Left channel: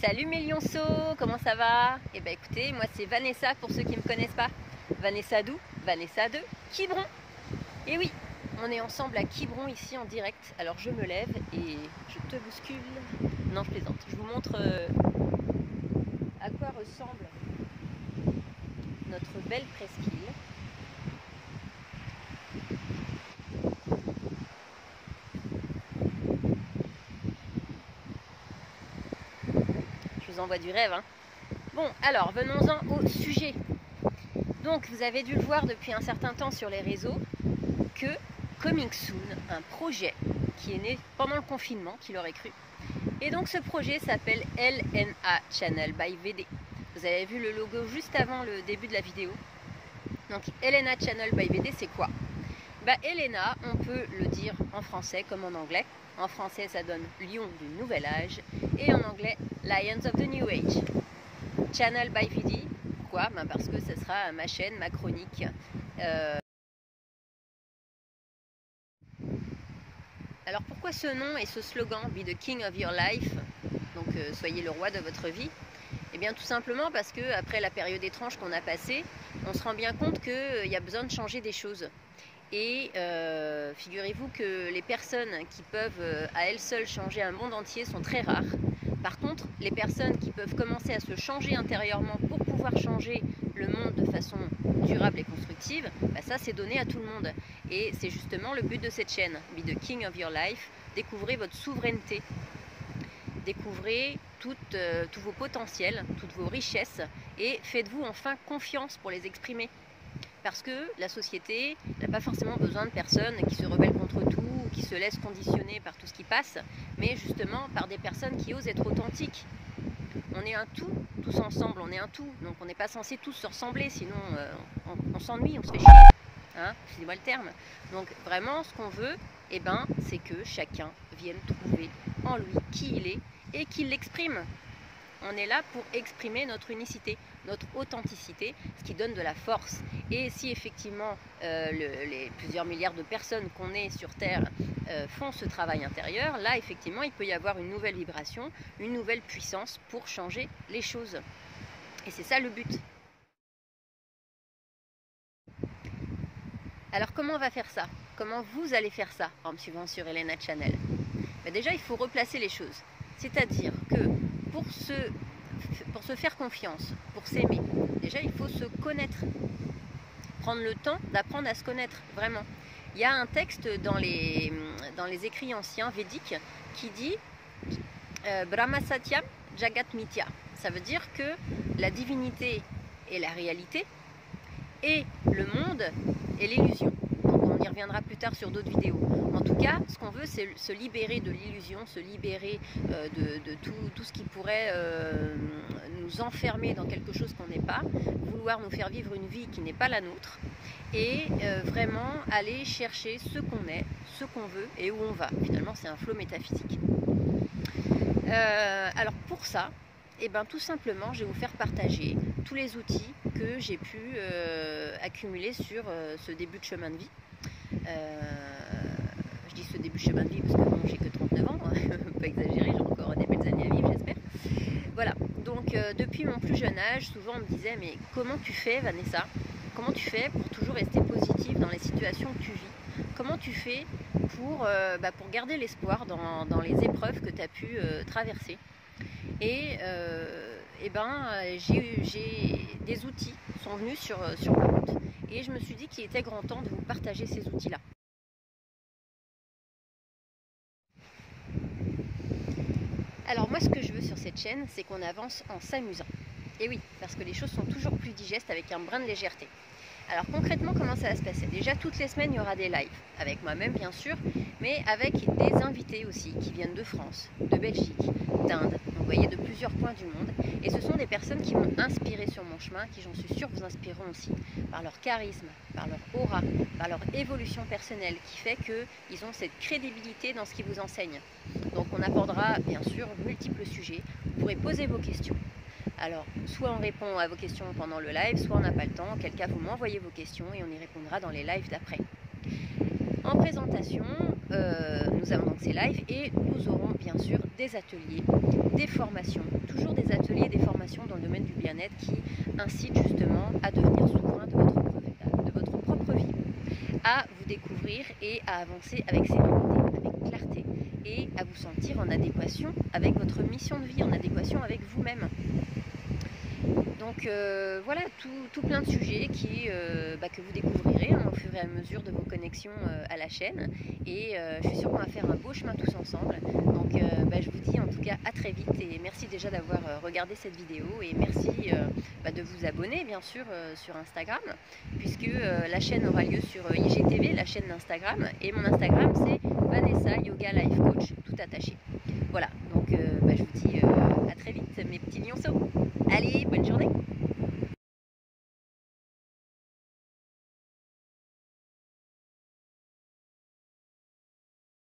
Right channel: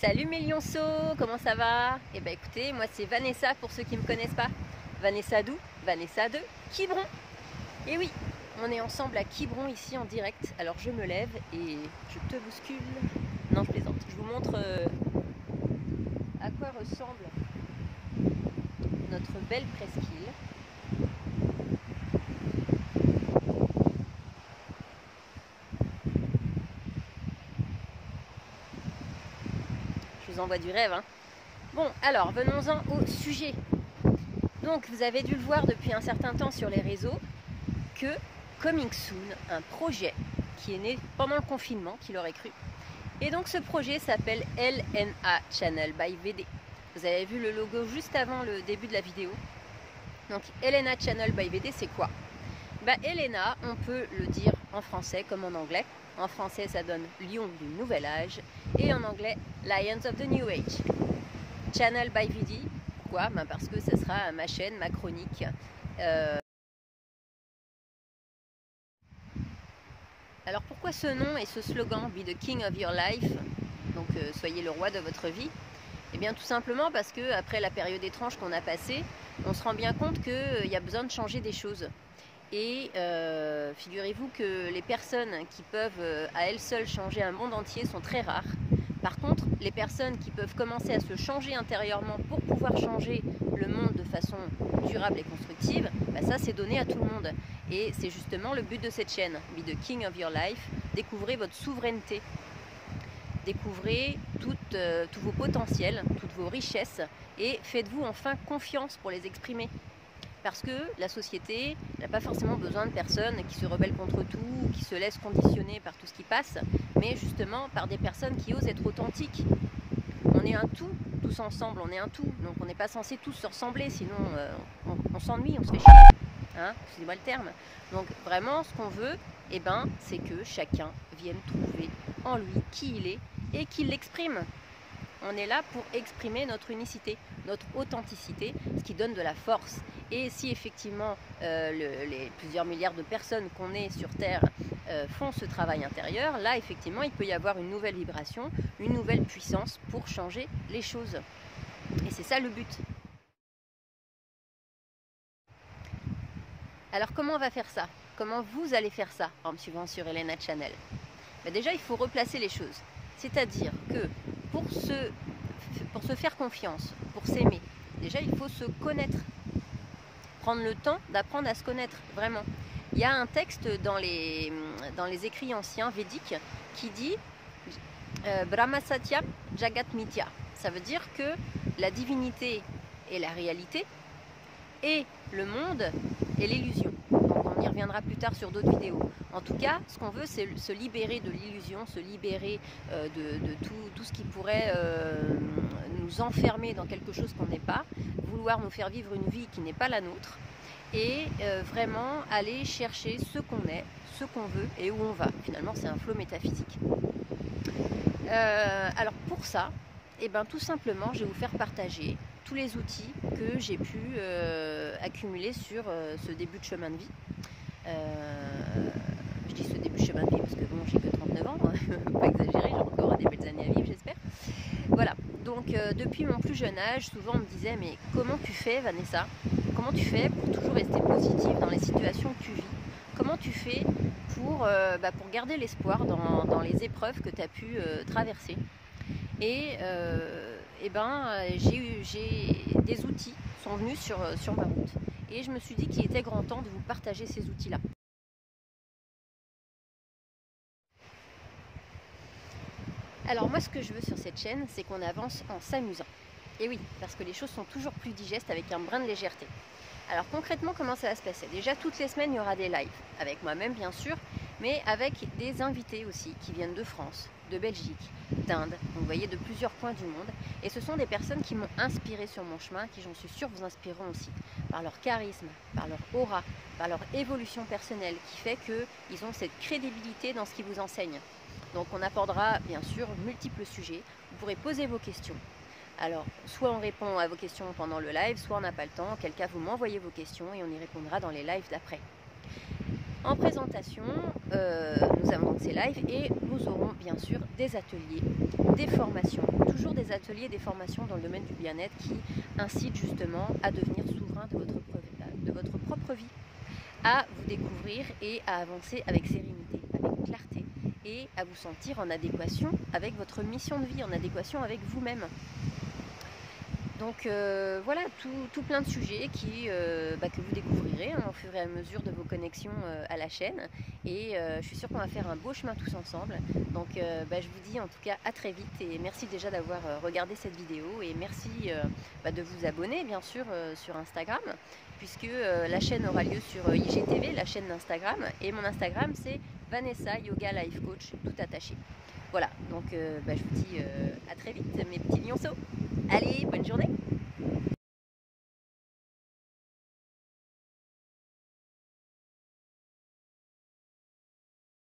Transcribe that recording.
Salut mes lionceaux, comment ça va? Eh ben écoutez, moi c'est Vanessa pour ceux qui ne me connaissent pas. Vanessa d'où? Vanessa de Quiberon. Et oui, on est ensemble à Quiberon ici en direct. Alors je me lève et je te bouscule. Non, je plaisante. Je vous montre à quoi ressemble notre belle presqu'île. Je vous envoie du rêve, hein. Bon, alors venons-en au sujet. Donc vous avez dû le voir depuis un certain temps sur les réseaux que Coming Soon, un projet qui est né pendant le confinement, qui l'aurait cru. Et donc ce projet s'appelle LNA Channel by VD. Vous avez vu le logo juste avant le début de la vidéo. Donc LNA Channel by VD, c'est quoi? LNA, on peut le dire en français comme en anglais. En français, ça donne Lion du Nouvel Âge. Et en anglais, Lions of the New Age. Channel by VD, pourquoi? Parce que ce sera ma chaîne, ma chronique. Alors pourquoi ce nom et ce slogan, Be the King of Your Life, donc soyez le roi de votre vie? Eh bien tout simplement parce que après la période étrange qu'on a passée, on se rend bien compte qu'il y a besoin de changer des choses. Et figurez-vous que les personnes qui peuvent à elles seules changer un monde entier sont très rares. Par contre, les personnes qui peuvent commencer à se changer intérieurement pour pouvoir changer le monde de façon durable et constructive, ça c'est donné à tout le monde. Et c'est justement le but de cette chaîne, Be the King of Your Life. Découvrez votre souveraineté, découvrez tous vos potentiels, toutes vos richesses et faites-vous enfin confiance pour les exprimer. Parce que la société n'a pas forcément besoin de personnes qui se rebellent contre tout, qui se laissent conditionner par tout ce qui passe, mais justement par des personnes qui osent être authentiques. On est un tout, tous ensemble, on est un tout, donc on n'est pas censé tous se ressembler, sinon on s'ennuie, on se fait chier, hein, excusez-moi le terme. Donc vraiment, ce qu'on veut, c'est que chacun vienne trouver en lui qui il est et qu'il l'exprime. On est là pour exprimer notre unicité, notre authenticité, ce qui donne de la force. Et si effectivement les plusieurs milliards de personnes qu'on est sur Terre font ce travail intérieur, là effectivement il peut y avoir une nouvelle vibration, une nouvelle puissance pour changer les choses. Et c'est ça le but. Alors comment on va faire ça? Comment vous allez faire ça en me suivant sur LNA Channel? Déjà il faut replacer les choses. C'est-à-dire que pour se faire confiance, pour s'aimer, déjà il faut se connaître. Prendre le temps d'apprendre à se connaître, vraiment. Il y a un texte dans les écrits anciens védiques qui dit Brahma Satyam Jagat Mithya. Ça veut dire que la divinité est la réalité et le monde est l'illusion. On y reviendra plus tard sur d'autres vidéos. En tout cas, ce qu'on veut, c'est se libérer de l'illusion, se libérer de tout ce qui pourrait nous enfermer dans quelque chose qu'on n'est pas, vouloir nous faire vivre une vie qui n'est pas la nôtre, et vraiment aller chercher ce qu'on est, ce qu'on veut et où on va. Finalement, c'est un flot métaphysique. Alors pour ça, tout simplement, je vais vous faire partager tous les outils que j'ai pu accumuler sur ce début de chemin de vie. Je dis ce début de chemin de vie parce que bon, j'ai que 39 ans, hein, pas exagérer, j'ai encore des belles années à vivre, j'espère. Voilà, donc depuis mon plus jeune âge, souvent on me disait mais comment tu fais Vanessa? Comment tu fais pour toujours rester positive dans les situations que tu vis? Comment tu fais pour garder l'espoir dans les épreuves que tu as pu traverser? Et j'ai des outils qui sont venus sur ma route et je me suis dit qu'il était grand temps de vous partager ces outils-là. Alors moi, ce que je veux sur cette chaîne, c'est qu'on avance en s'amusant. Et oui, parce que les choses sont toujours plus digestes avec un brin de légèreté. Alors concrètement, comment ça va se passer? Déjà, toutes les semaines, il y aura des lives, avec moi-même bien sûr, mais avec des invités aussi, qui viennent de France, de Belgique, d'Inde, vous voyez, de plusieurs coins du monde. Et ce sont des personnes qui m'ont inspiré sur mon chemin, qui j'en suis sûre vous inspireront aussi, par leur charisme, par leur aura, par leur évolution personnelle, qui fait qu'ils ont cette crédibilité dans ce qu'ils vous enseignent. Donc on abordera bien sûr multiples sujets, vous pourrez poser vos questions. Alors, soit on répond à vos questions pendant le live, soit on n'a pas le temps. En quel cas, vous m'envoyez vos questions et on y répondra dans les lives d'après. En présentation, nous avons donc ces lives et nous aurons bien sûr des ateliers, des formations, toujours des ateliers et des formations dans le domaine du bien-être qui incitent justement à devenir souverain de votre propre vie, à vous découvrir et à avancer avec sérénité, avec clarté et à vous sentir en adéquation avec votre mission de vie, en adéquation avec vous-même. Donc voilà, tout plein de sujets que vous découvrirez au fur et à mesure de vos connexions à la chaîne. Et je suis sûre qu'on va faire un beau chemin tous ensemble. Donc je vous dis en tout cas à très vite et merci déjà d'avoir regardé cette vidéo. Et merci de vous abonner bien sûr sur Instagram, puisque la chaîne aura lieu sur IGTV, la chaîne d'Instagram. Et mon Instagram c'est Vanessa Yoga Life Coach, tout attaché. Voilà, donc je vous dis à très vite mes petits lionceaux. Allez, bonne journée!